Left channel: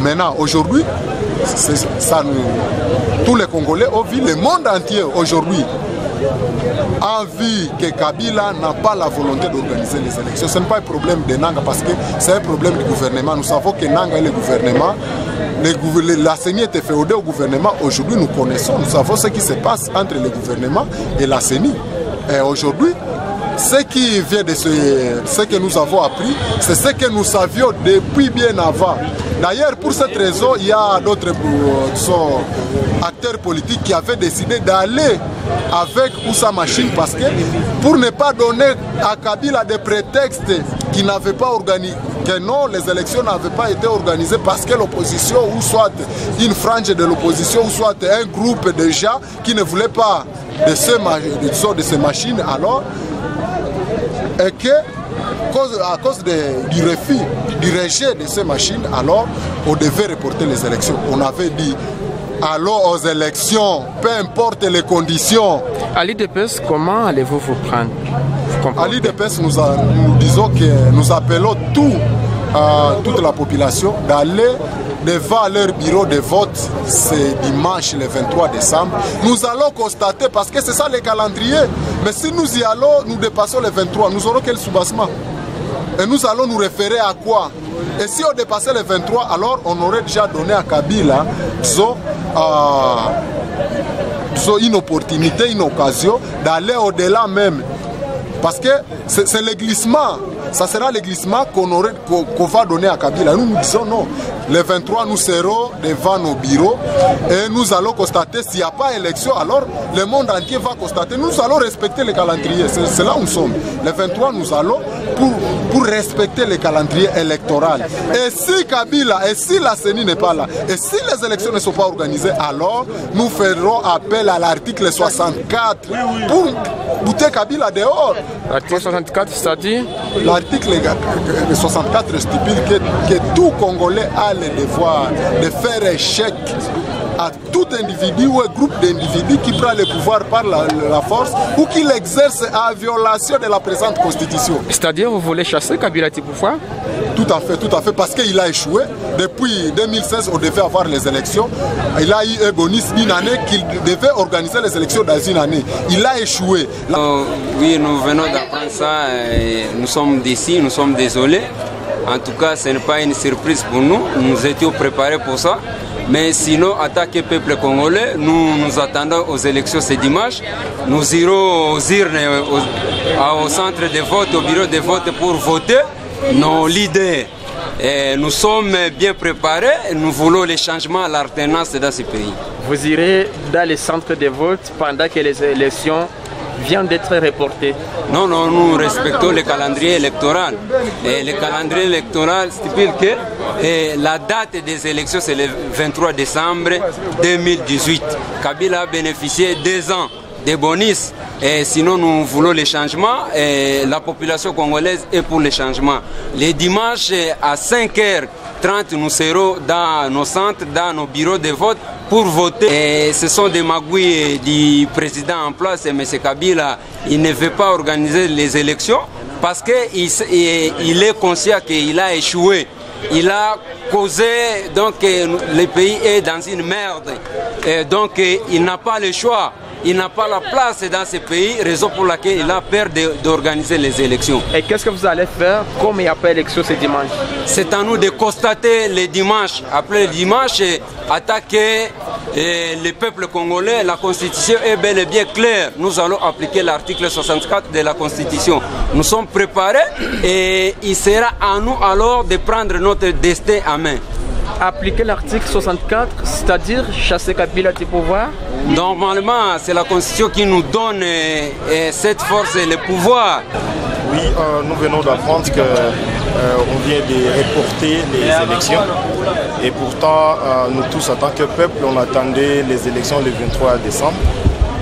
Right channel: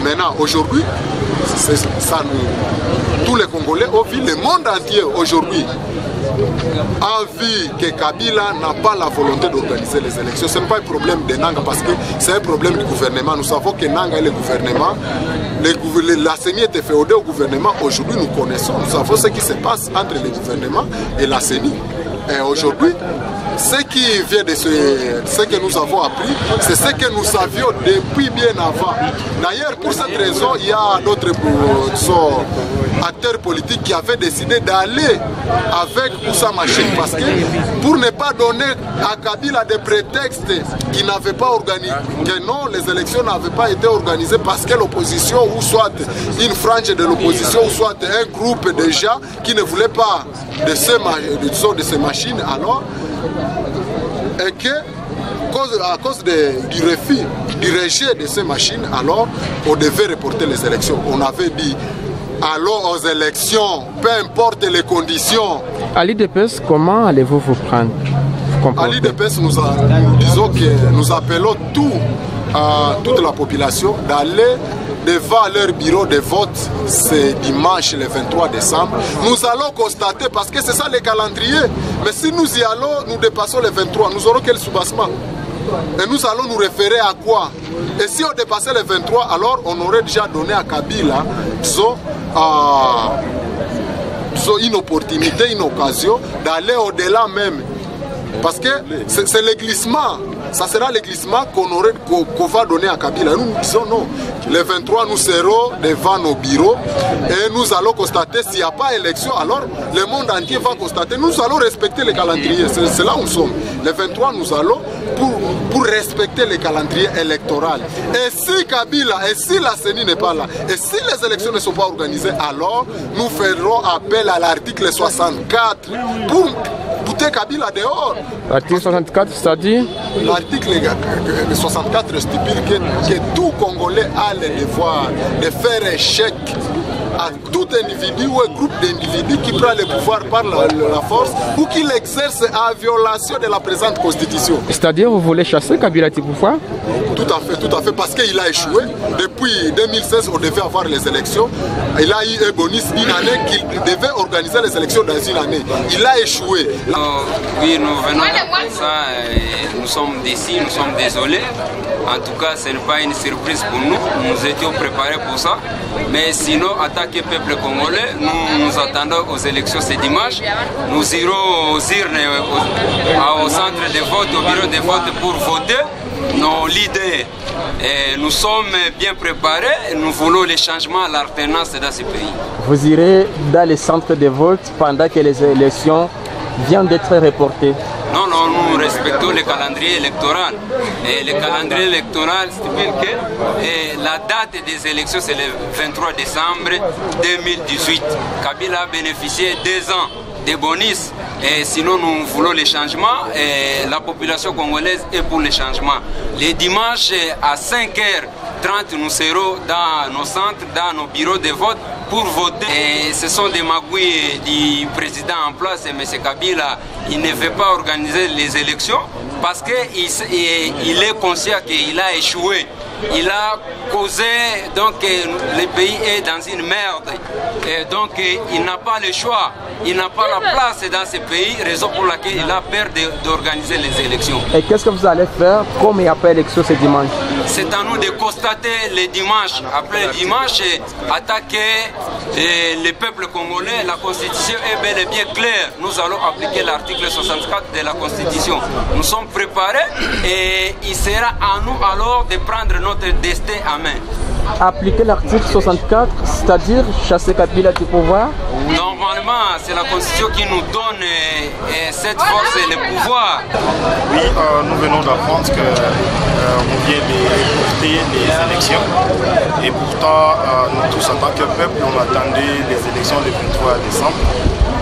Maintenant, aujourd'hui, tous les Congolais ont vu, le monde entier aujourd'hui a vu que Kabila n'a pas la volonté d'organiser les élections. Ce n'est pas un problème de Nanga parce que c'est un problème du gouvernement. Nous savons que Nanga et le gouvernement, la CENI était féodée au gouvernement. Aujourd'hui, nous connaissons, nous savons ce qui se passe entre le gouvernement et la CENI. Et aujourd'hui, ce qui vient de ce que nous avons appris, c'est ce que nous savions depuis bien avant. D'ailleurs, pour cette raison, il y a d'autres acteurs politiques qui avaient décidé d'aller avec Oussa Machine parce que pour ne pas donner à Kabila des prétextes qui n'avaient pas organisé, que non, les élections n'avaient pas été organisées parce que l'opposition, ou soit une frange de l'opposition, ou soit un groupe de gens qui ne voulaient pas de ces machines, alors, et que, à cause du refus, du rejet de ces machines, alors, on devait reporter les élections. On avait dit, allons aux élections, peu importe les conditions. À l'IDPS, comment allez-vous vous prendre? À l'IDPS, nous disons que nous appelons toute la population d'aller devant leur bureau de vote ce dimanche le 23 décembre. Nous allons constater, parce que c'est ça le calendrier, mais si nous y allons, nous dépassons le 23, nous aurons quel soubassement? Et nous allons nous référer à quoi? Et si on dépassait le 23, alors on aurait déjà donné à Kabila, disons, une opportunité, une occasion d'aller au-delà même. Parce que c'est le glissement. Ça sera le glissement qu'on va donner à Kabila. Nous disons non. Le 23, nous serons devant nos bureaux et nous allons constater s'il n'y a pas élection, alors le monde entier va constater. Nous allons respecter le calendrier. C'est là où nous sommes. Le 23, nous allons pour respecter le calendrier électoral. Et si Kabila, et si la CENI n'est pas là, et si les élections ne sont pas organisées, alors nous ferons appel à l'article 64 pour bouter Kabila dehors. L'article 64, c'est-à-dire? L'article 64 stipule que tout Congolais a le devoir de faire échec à tout individu ou un groupe d'individus qui prend le pouvoir par la force ou qui l'exerce en violation de la présente constitution. C'est-à-dire vous voulez chasser Kabila du pouvoir? Tout à fait, parce qu'il a échoué. Depuis 2016, on devait avoir les élections. Il a eu un bonus d'une année qu'il devait organiser les élections dans une année. Il a échoué. Oui, nous venons d'apprendre ça. Nous sommes d'ici, nous sommes désolés. En tout cas, ce n'est pas une surprise pour nous. Nous étions préparés pour ça. Mais sinon, attaquer le peuple congolais, nous attendons aux élections ce dimanche. Nous irons aux urnes, au centre de vote, au bureau de vote pour voter nos leaders. Et nous sommes bien préparés et nous voulons les changements à l'alternance dans ce pays. Vous irez dans les centres de vote pendant que les élections viennent d'être reportées? Non, nous respectons le calendrier électoral. Et le calendrier électoral stipule que la date des élections, c'est le 23 décembre 2018. Kabila a bénéficié 2 ans de bonus. Et sinon, nous voulons les changements. Et la population congolaise est pour les changements. Les dimanches à 5h30, nous serons dans nos centres, dans nos bureaux de vote pour voter. Et ce sont des magouilles du président en place, M. Kabila. Il ne veut pas organiser les élections parce qu'il est conscient qu'il a échoué. Il a causé, donc le pays est dans une merde. Et donc il n'a pas le choix. Il n'a pas la place dans ce pays, raison pour laquelle il a peur d'organiser les élections. Et qu'est-ce que vous allez faire comme il n'y a pas d'élection ce dimanche? C'est à nous de constater le dimanche. Après le dimanche, attaquer le peuple congolais. La Constitution est bel et bien claire. Nous allons appliquer l'article 64 de la Constitution. Nous sommes préparés et il sera à nous alors de prendre notre destin en main. Appliquer l'article 64, c'est-à-dire chasser Kabila du pouvoir? Normalement, c'est la Constitution qui nous donne cette force et le pouvoir. Oui, nous venons d'apprendre qu'on vient de reporter les élections. Et pourtant, nous tous, en tant que peuple, on attendait les élections le 23 décembre.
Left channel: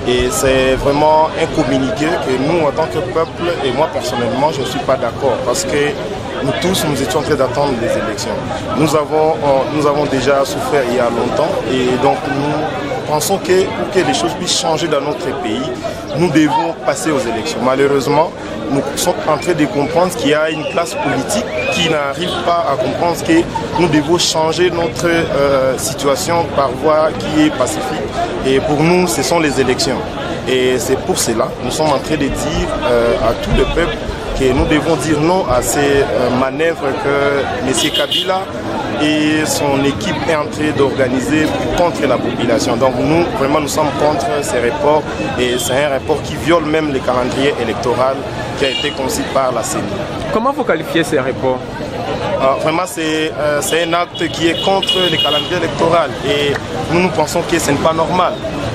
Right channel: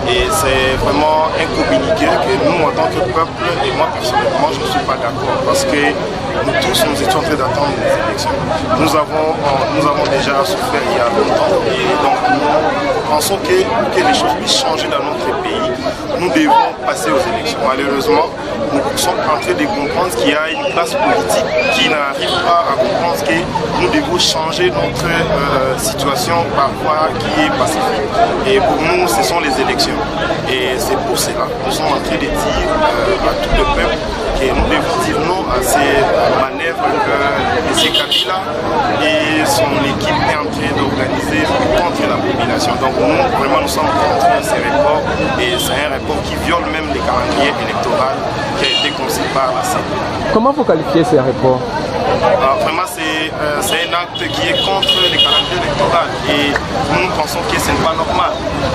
Et c'est vraiment un communiqué que nous, en tant que peuple, et moi personnellement, je ne suis pas d'accord. Parce que nous tous, nous étions en train d'attendre les élections. Nous avons déjà souffert il y a longtemps. Et donc, nous pensons que pour que les choses puissent changer dans notre pays, nous devons passer aux élections. Malheureusement, nous sommes en train de comprendre qu'il y a une classe politique qui n'arrivent pas à comprendre que nous devons changer notre situation par voie qui est pacifique. Et pour nous, ce sont les élections. Et c'est pour cela que nous sommes en train de dire à tout le peuple que nous devons dire non à ces manœuvres que M. Kabila et son équipe est en train d'organiser contre la population. Donc nous, vraiment, nous sommes contre ces reports et c'est un report qui viole même le calendrier électoral qui a été conçu par la CENI. Comment vous qualifiez ces reports? Vraiment, c'est un acte qui est contre le calendrier électoral et nous pensons que ce n'est pas normal.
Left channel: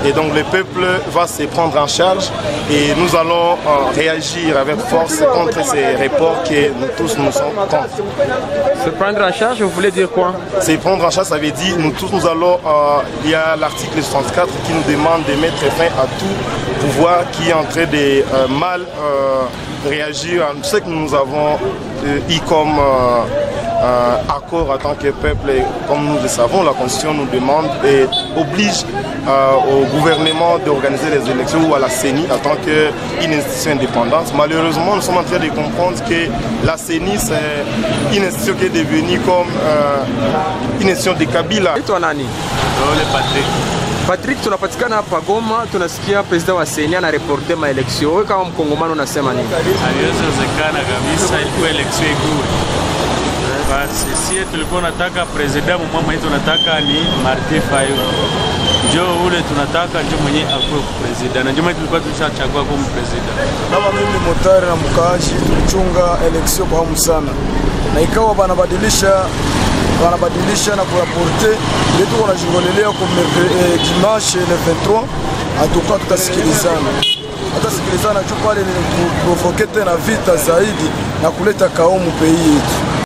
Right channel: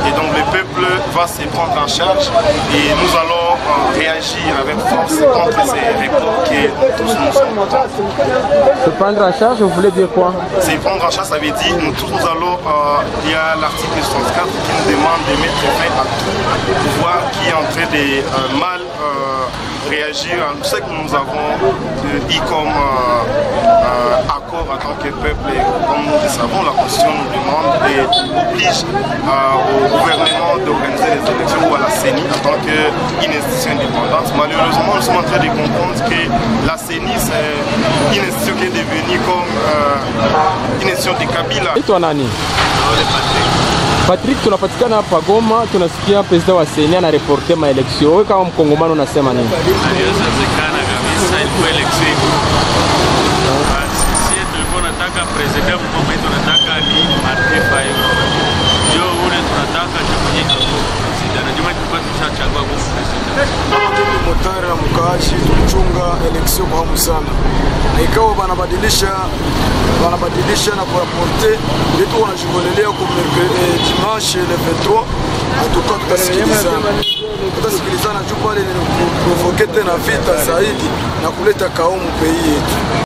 Et donc le peuple va se prendre en charge et nous allons réagir avec force contre ces reports que nous tous nous sommes contre. Se prendre en charge, vous voulez dire quoi? Se prendre en charge, ça veut dire nous tous nous allons, il y a l'article 64 qui nous demande de mettre fin à tout pouvoir qui est en train de mal réagir à ce que nous avons eu comme accord en tant que peuple. Et comme nous le savons, la Constitution nous demande et oblige au gouvernement d'organiser les élections ou à la CENI en tant qu'une institution indépendante. Malheureusement, nous sommes en train de comprendre que la CENI, c'est une institution qui est devenue comme une institution de Kabila. Patrick. Patrick, tunapatikana hapa Goma, tunasikia president wa CENI anareporte maeleksio. Wewe kama mkongomani unasema nini? Haiwezekana kabisa, ilikuwa eleksio ikuwe. Basi sisi tulikuwa tunataka president mmoja wetu tunataka ni Martin Fayulu. Njoo ule tunataka njoo mwenye akuwe president. Njoo mwenye tulikuwa tushachagua kama president. Kama mimi motari na mkaaji tulichunga eleksio kwa hamu sana. Na ikawa wanabadilisha na kuraporte yetu wanajingolelea kwa dimanche le 23 atuka tutasikilizana juu pale ni kuprovoke tena vita zaidi na kuleta kaumu pei yetu.